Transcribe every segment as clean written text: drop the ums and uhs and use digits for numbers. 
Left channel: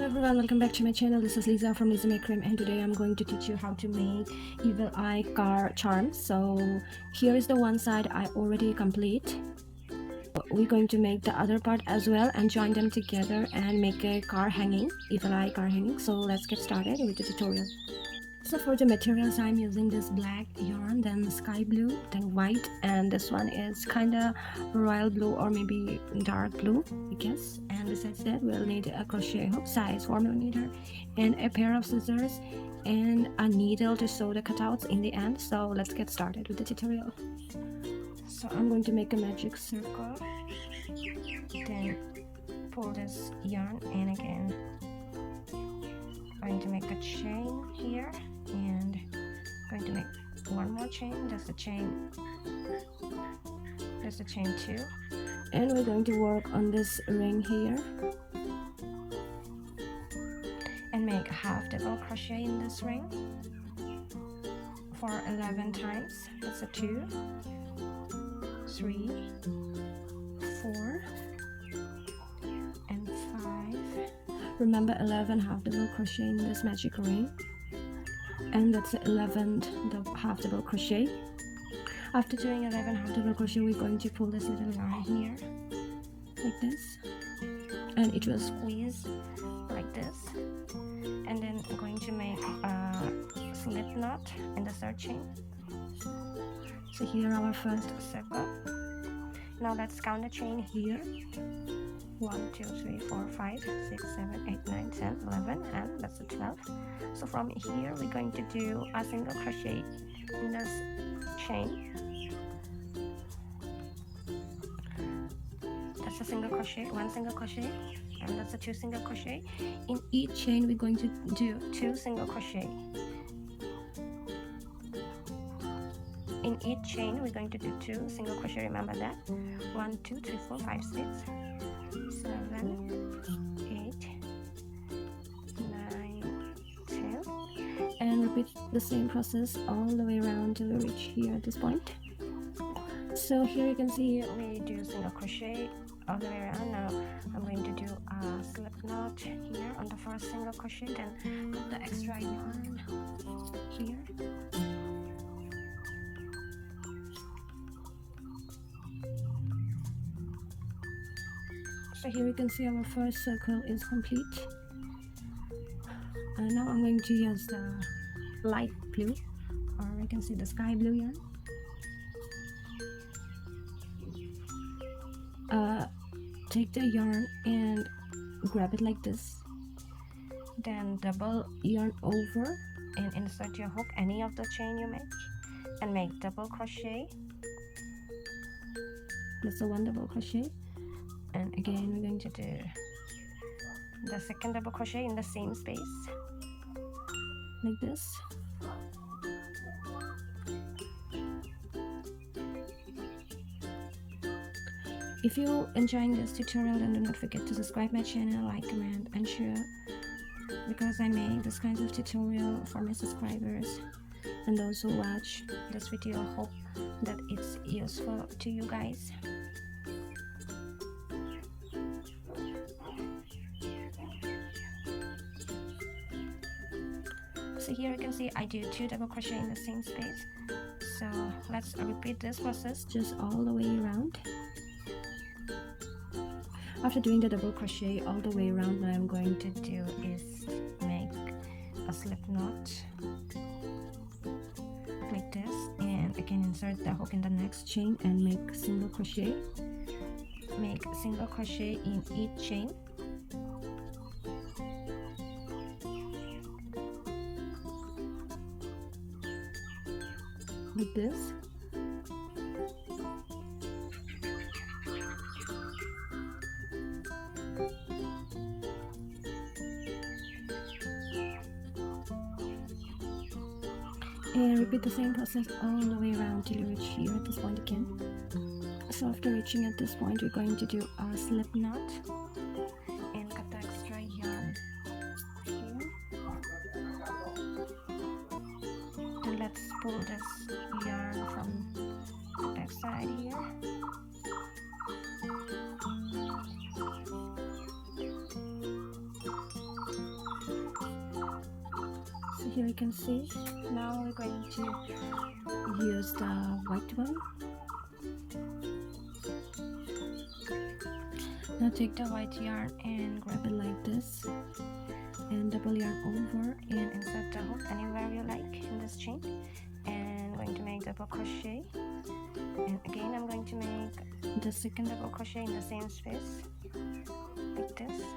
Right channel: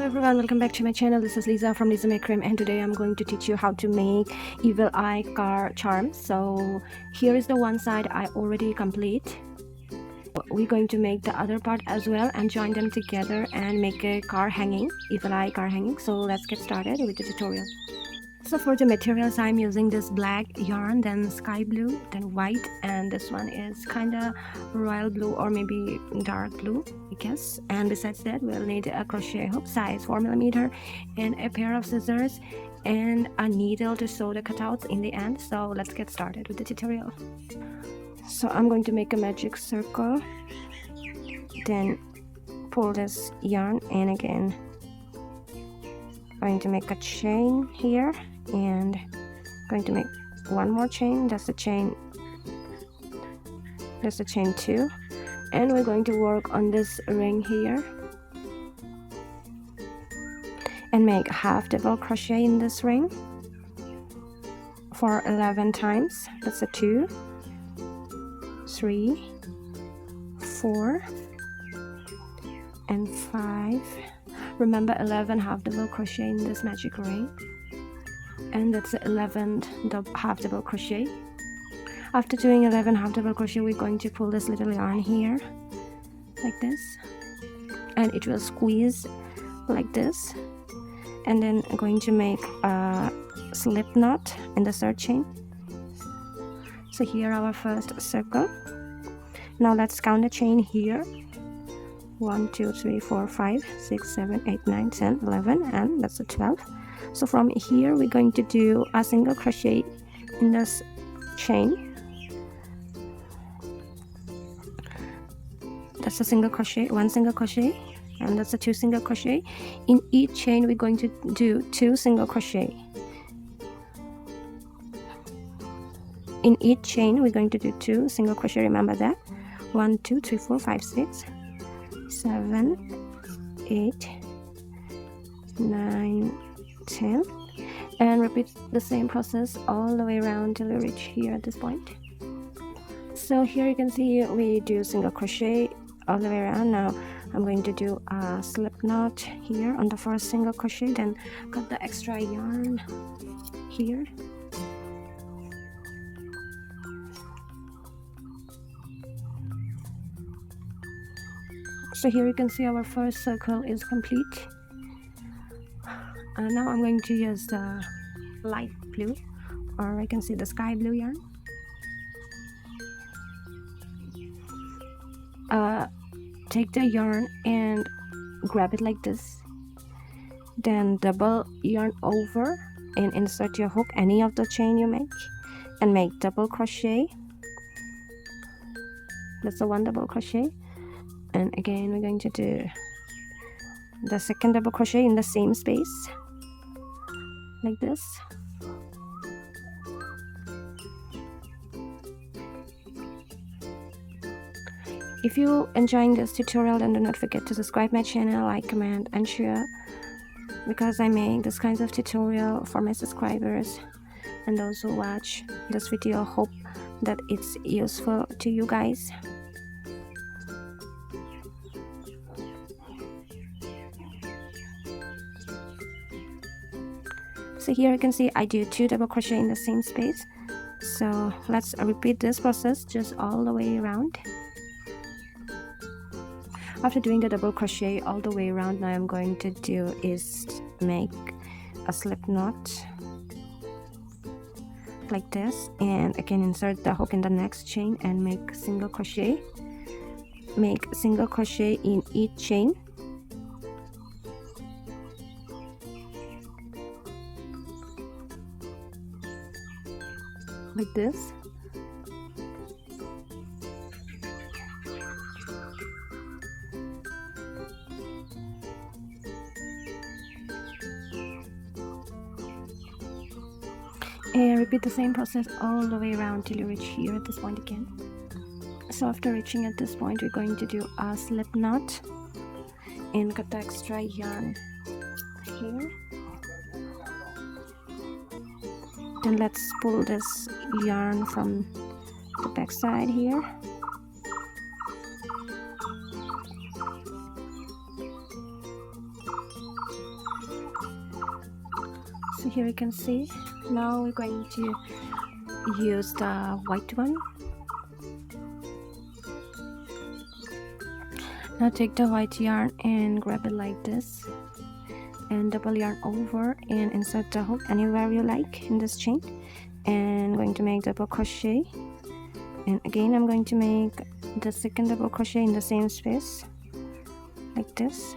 Hello everyone, welcome back to my channel. This is Lisa from Lisa Make Cream, and today I'm going to teach you how to make Evil Eye Charm. So here is the one side I already complete. We're going to make the other part as well and join them together and make a Evil Eye car hanging. So let's get started with the tutorial. So for the materials, I'm using this black yarn, then sky blue, then white, and this one is kind of royal blue or maybe dark blue, I guess. And besides that, we'll need a crochet hook size 4mm and a pair of scissors and a needle to sew the cutouts in the end. So let's get started with the tutorial. So I'm going to make a magic circle, then pull this yarn, and again going to make a chain here, and going to make one more chain. That's the chain 2, and we're going to work on this ring here and make half double crochet in this ring for 11 times. That's a 2, 3, 4 and 5. Remember 11 half double crochet in this magic ring, and that's the 11th half double crochet. After doing 11 half double crochet, we're going to pull this little yarn here like this, and it will squeeze like this, and then I'm going to make a slip knot in the third chain. So here our first circle. Now let's count the chain here. 1 2 3 4 5 6 7 8 9 10 11, and that's a 12. So from here we're going to do a single crochet in this chain. That's a single crochet, 1 single crochet, and that's a 2 single crochet. In each chain we're going to do 2 single crochet. In each chain we're going to do 2 single crochet. Remember that. 1 2 3 4 5 6 7 8 9 10, and repeat the same process all the way around till you reach here at this point. So here you can see we do single crochet all the way around. Now I'm going to do a slip knot here on the first single crochet, then cut the extra yarn here. So here you can see our first circle is complete. Now I'm going to use the light blue, or I can see the sky blue yarn. Take the yarn and grab it like this, then double yarn over and insert your hook any of the chain you make, and make double crochet. That's the 1 double crochet, and again we're going to do the second double crochet in the same space like this. If you enjoying this tutorial, then do not forget to subscribe my channel, like, comment and share, because I make this kinds of tutorial for my subscribers and those who watch this video. Hope that it's useful to you guys. So here you can see I do 2 double crochet in the same space. So let's repeat this process just all the way around. After doing the double crochet all the way around, now I'm going to do is make a slip knot like this, and again insert the hook in the next chain and make single crochet. Make single crochet in each chain. Like this. And repeat the same process all the way around till you reach here at this point again. So after reaching at this point, we're going to do a slip knot and cut the extra yarn here. Then let's pull this yarn from the back side here. So here you can see. Now we're going to use the white one. Now take the white yarn and grab it like this and double yarn over and insert the hook anywhere you like in this chain, and going to make double crochet, and again I'm going to make the second double crochet in the same space like this.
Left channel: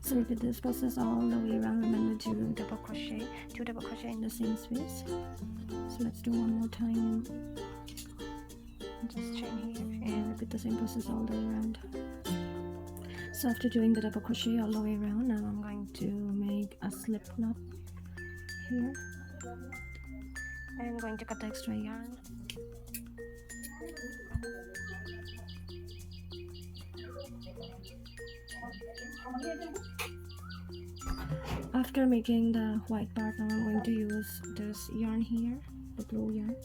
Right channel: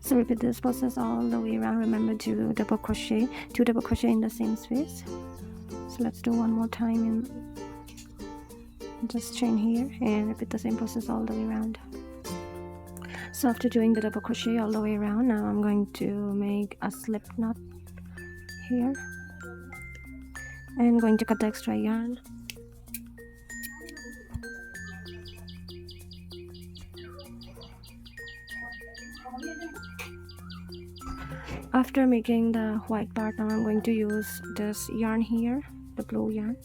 So repeat this process all the way around. Remember to double crochet, 2 double crochet in the same space. So let's do one more time and just chain here and repeat the same process all the way around. So after doing the double crochet all the way around, now I'm going to make a slip knot here and going to cut the extra yarn. After making the white part, now I'm going to use this yarn here, the blue yarn,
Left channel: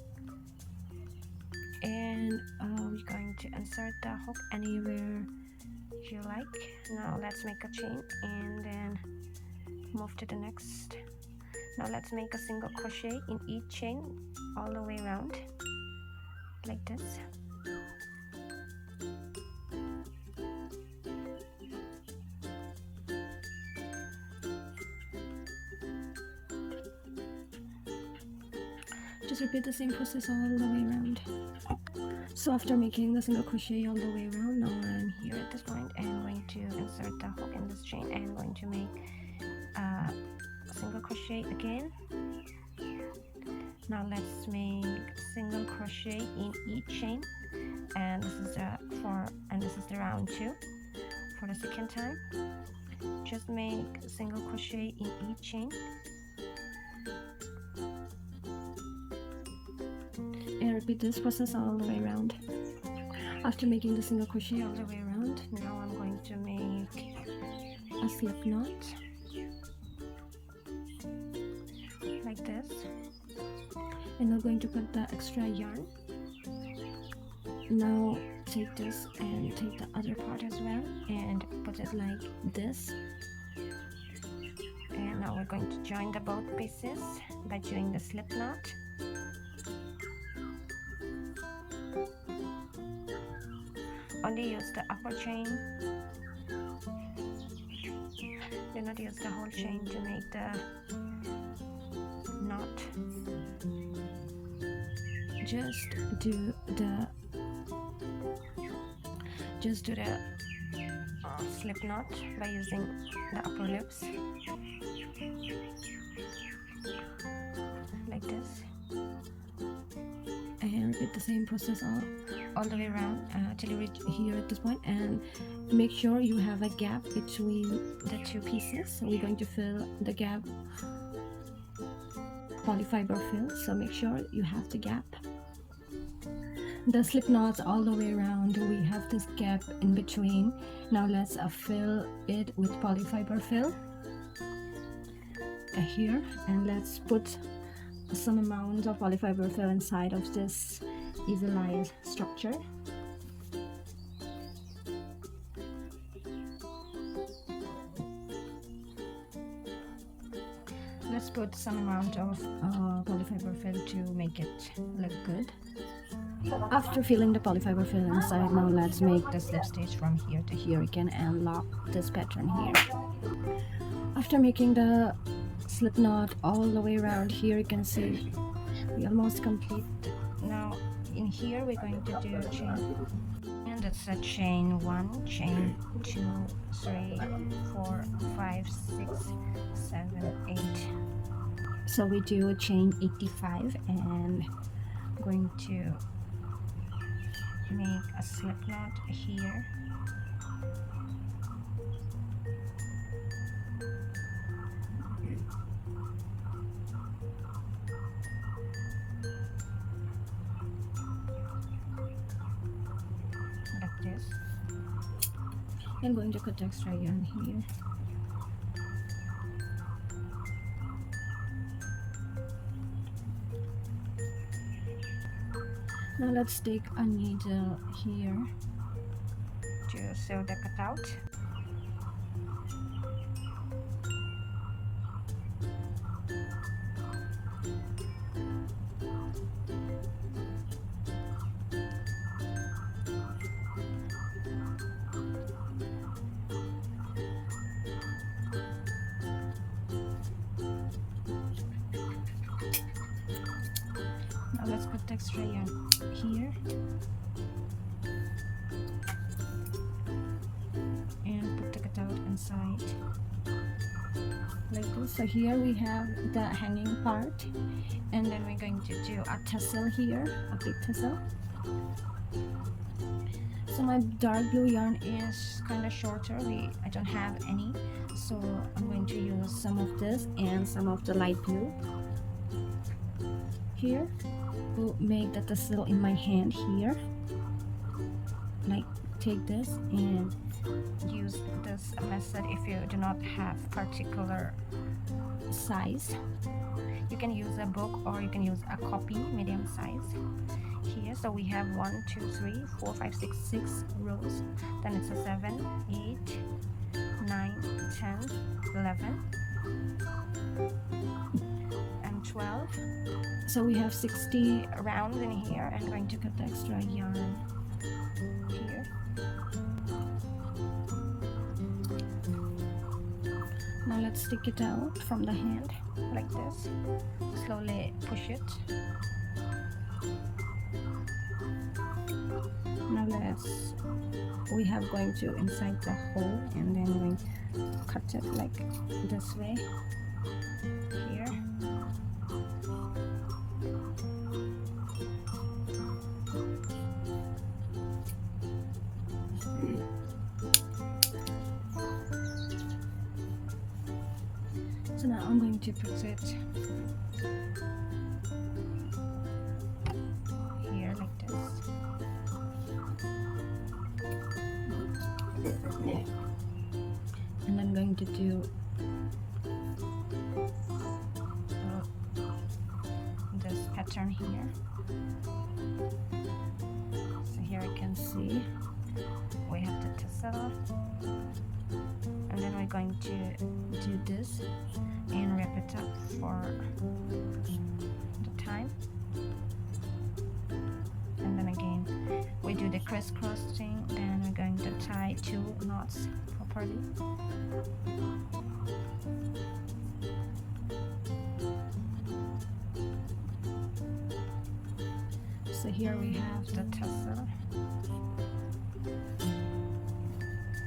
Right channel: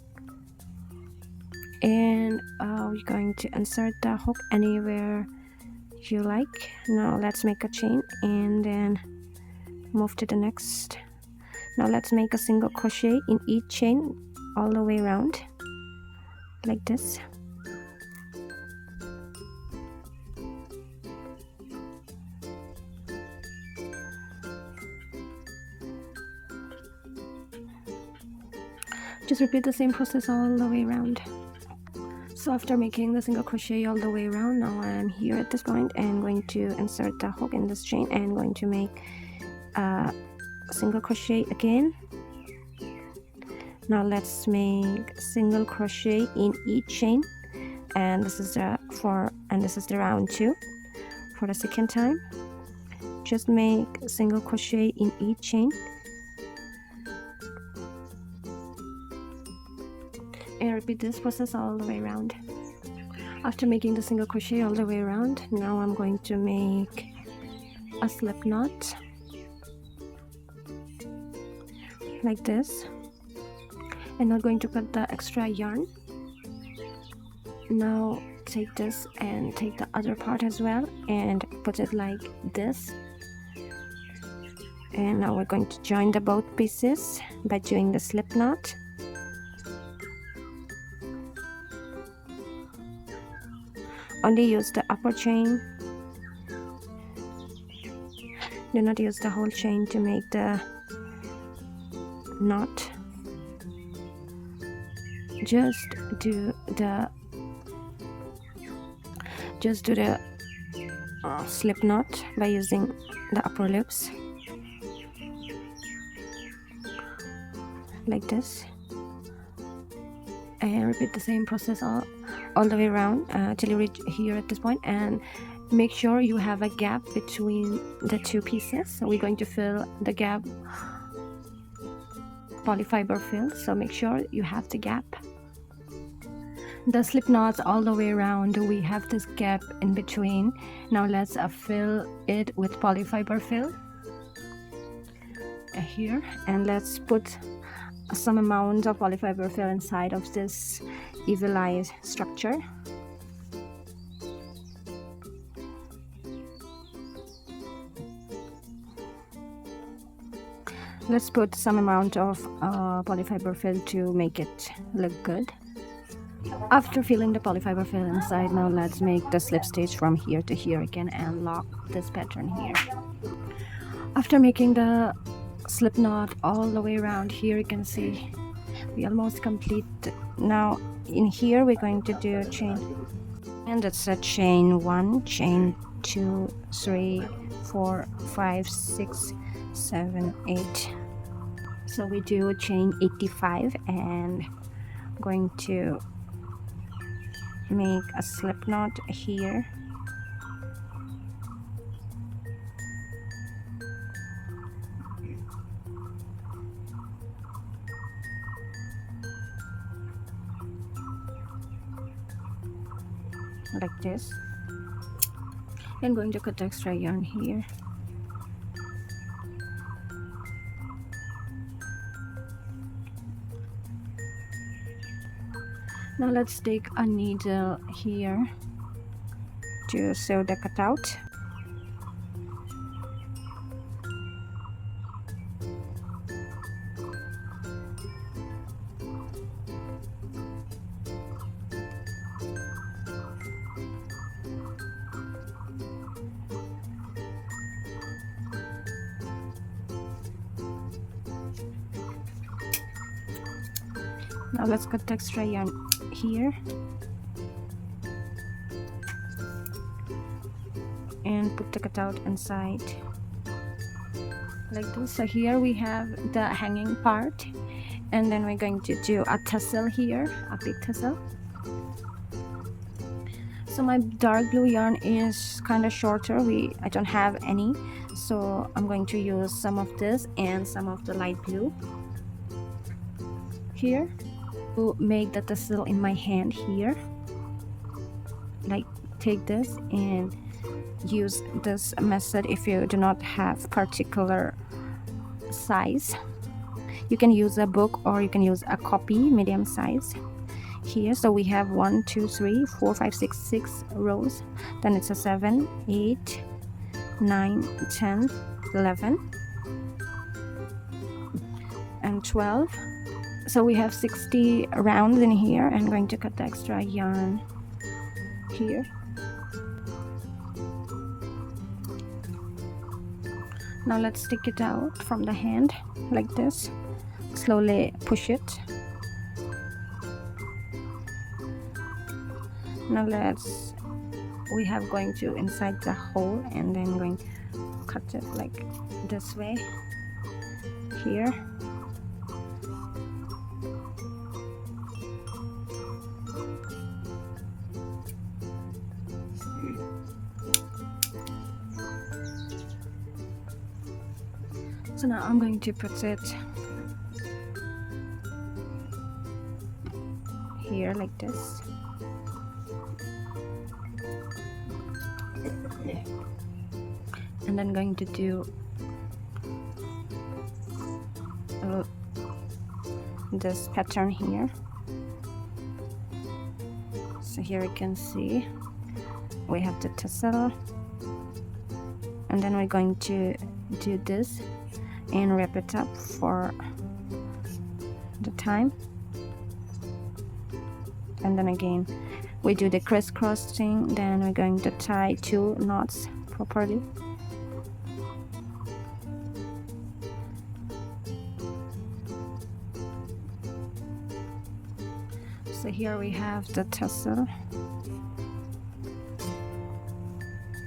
and we're going to insert the hook anywhere you like. Now let's make a chain and then move to the next. Now let's make a single crochet in each chain all the way around like this. Just repeat the same process all the way around. So after making the single crochet all the way around, now I'm here at this point and going to insert the hook in this chain and going to make a single crochet again. Now let's make single crochet in each chain, and this is the round 2 for the second time. Just make single crochet in each chain and repeat this process all the way around. After making the single crochet all the way around, now I'm going to make a slip knot like this, and I'm going to cut the extra yarn. Now take this and take the other part as well and put it like this, and now we're going to join the both pieces by doing the slip knot. Only use the upper chain, do not use the whole chain to make the knot. Just do the slip knot by using the upper loops like this, and repeat the same process all the way around till you reach here at this point, and make sure you have a gap between the two pieces. So we're going to fill the gap, polyfiber fill, so make sure you have the gap. The slip knots all the way around, we have this gap in between. Now let's fill it with polyfiber fill here, and let's put some amount of polyfiber fill inside of this evil eye structure. Let's put some amount of polyfiber fill to make it look good. After filling the polyfiber fill inside, now let's make the slip stitch from here to here again and lock this pattern here. After making the slip knot all the way around, here you can see we almost complete. Now in here we're going to do chain, and it's a chain 1, chain 2, 3, 4, 5, 6, 7, 8. So we do chain 85, and I'm going to make a slip knot here. Like this. I'm going to cut the extra yarn here Now let's take a needle here to sew the cutout. Now let's cut the extra yarn here and put the cutout inside like this. So here we have the hanging part, and then we're going to do a tassel here, a big tassel. So my dark blue yarn is kind of shorter. I don't have any, so I'm going to use some of this and some of the light blue here to make the tassel in my hand here. Like, take this and use this method if you do not have particular size. You can use a book or you can use a copy, medium size here. So we have 1 2 3 4 5 6 rows, then it's a 7 8 9 10 11 and 12. So we have 60 rounds in here. I'm going to cut the extra yarn here. Now let's stick it out from the hand like this. Slowly push it. Now we have going to inside the hole, and then going to cut it like this way here. So now I'm going to put it here like this. And then going to do this pattern here. So here you can see we have the tassel, and then we're going to do this and wrap it up for the time, and then again we do the crisscrossing. Then we're going to tie 2 knots properly. So here we have the tassel.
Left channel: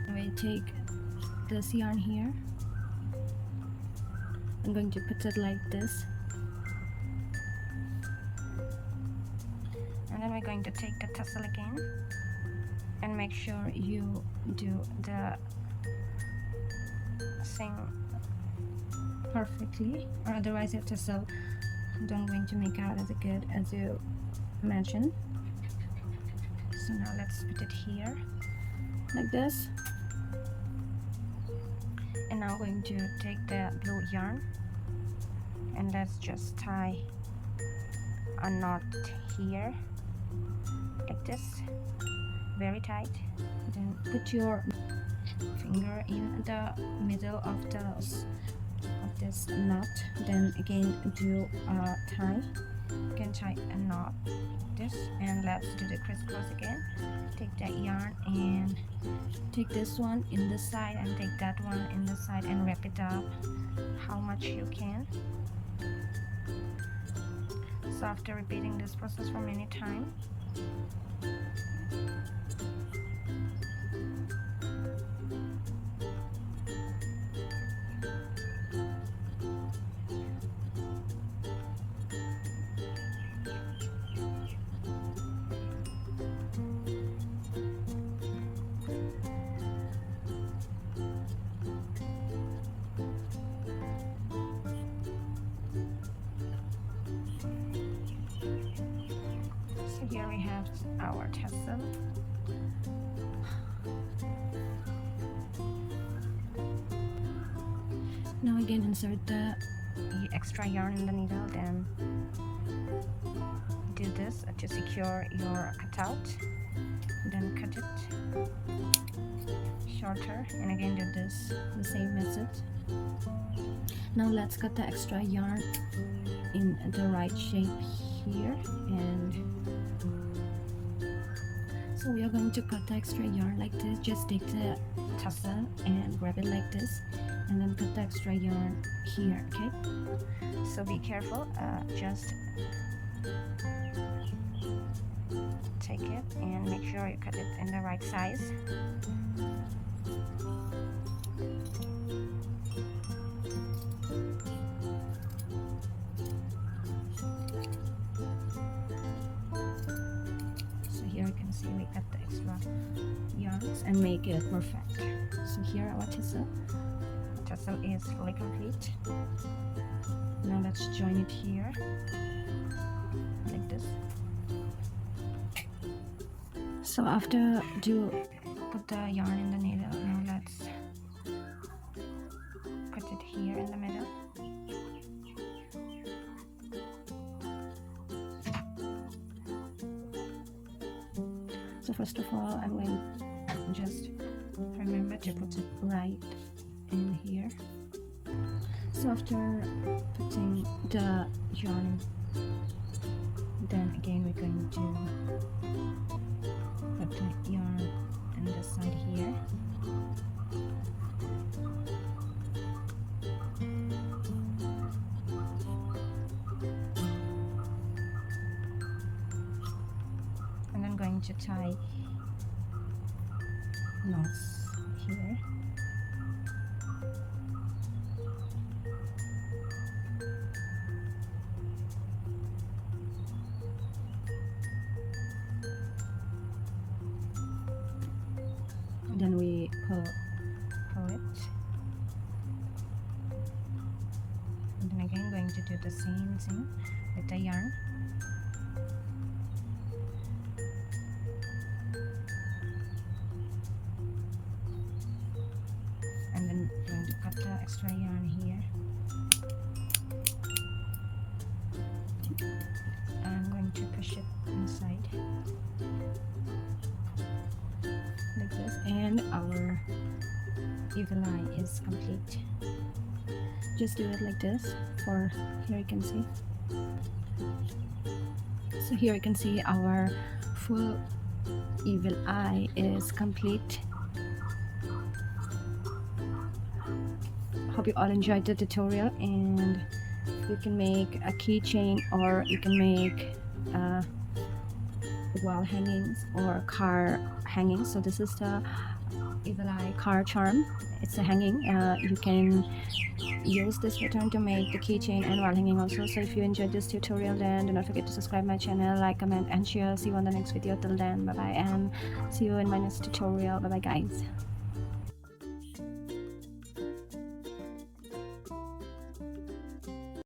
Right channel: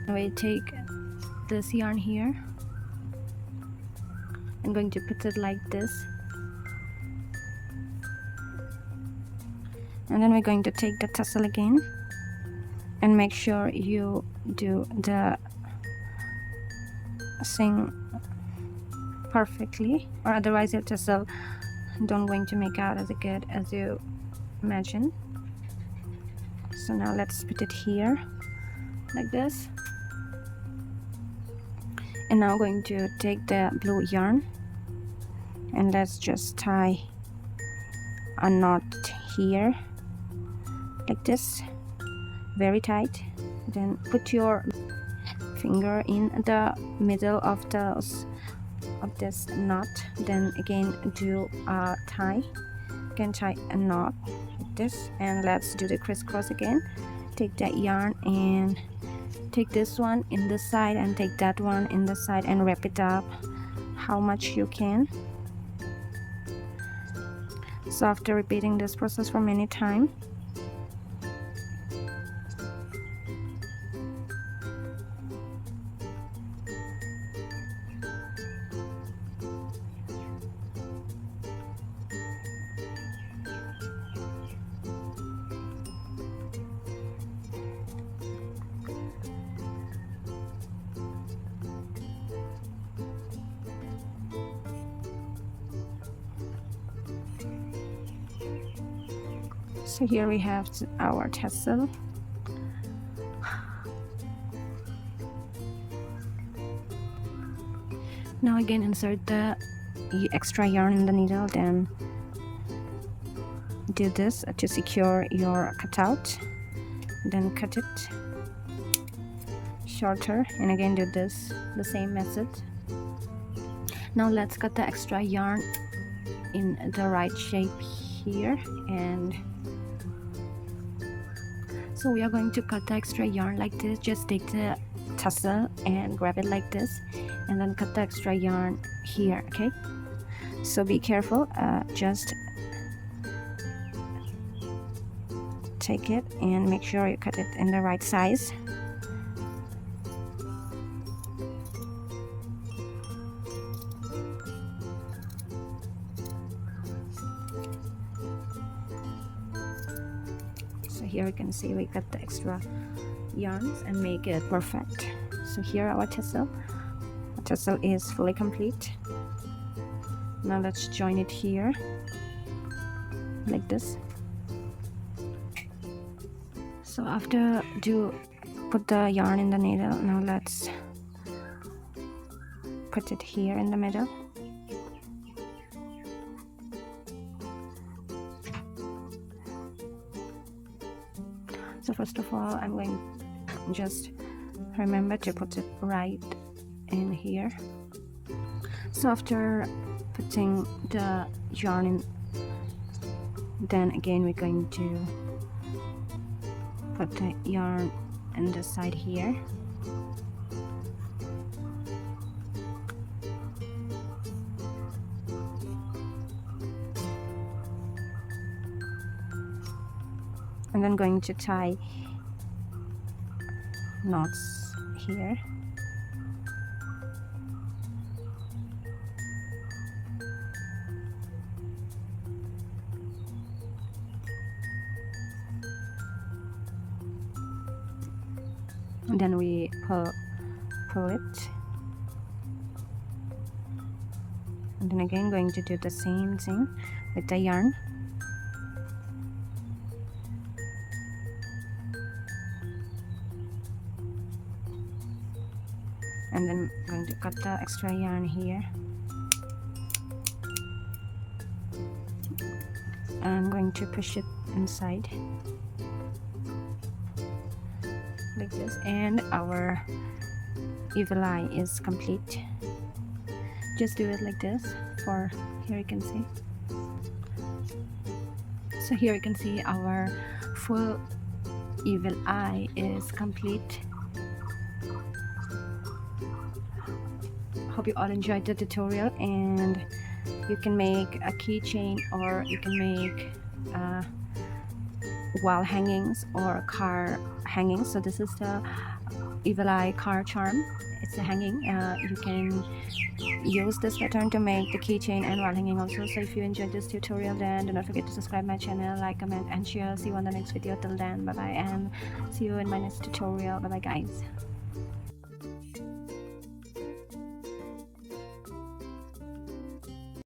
We take this yarn here. I'm going to put it like this, and then we're going to take the tassel again and make sure you do the thing perfectly, or otherwise your tassel don't going to make out as good as you imagine. So now let's put it here like this, and now I'm going to take the blue yarn and let's just tie a knot here like this, very tight. Then put your finger in the middle of this knot, then again do a tie, again tie a knot like this, and let's do the crisscross again. Take that yarn and take this one in this side and take that one in this side and wrap it up how much you can. So after repeating this process for many times, so here we have our tassel. Now again insert the extra yarn in the needle, then do this to secure your cutout, then cut it shorter, and again do this, the same method. Now let's cut the extra yarn in the right shape here, and so we are going to cut the extra yarn like this. Just take the tassel and grab it like this, and then cut the extra yarn here. Okay, so be careful, just take it and make sure you cut it in the right size. So here you can see we cut the extra yarns and make it perfect. So here our tassel is fully complete. Now let's join it here like this. So after put the yarn in the needle, now let's put it here in the middle. So first of all, I'm going to just remember to put it right in here. So after putting the yarn in, then again we're going to put the yarn on this side here. And then going to tie knots here. And then we pull it, and then again going to do the same thing with the yarn. And then going to cut the extra yarn here. I'm going to push it inside like this, and our evil eye is complete. Just do it like this. For here you can see. So here you can see our full evil eye is complete. Hope you all enjoyed the tutorial, and you can make a keychain, or you can make wall hangings or car hangings. So this is the evil eye car charm. It's a hanging. You can use this pattern to make the keychain and wall hanging also. So if you enjoyed this tutorial, then do not forget to subscribe my channel, like, comment and share. See you on the next video. Till then, bye bye, and see you in my next tutorial. Bye bye guys.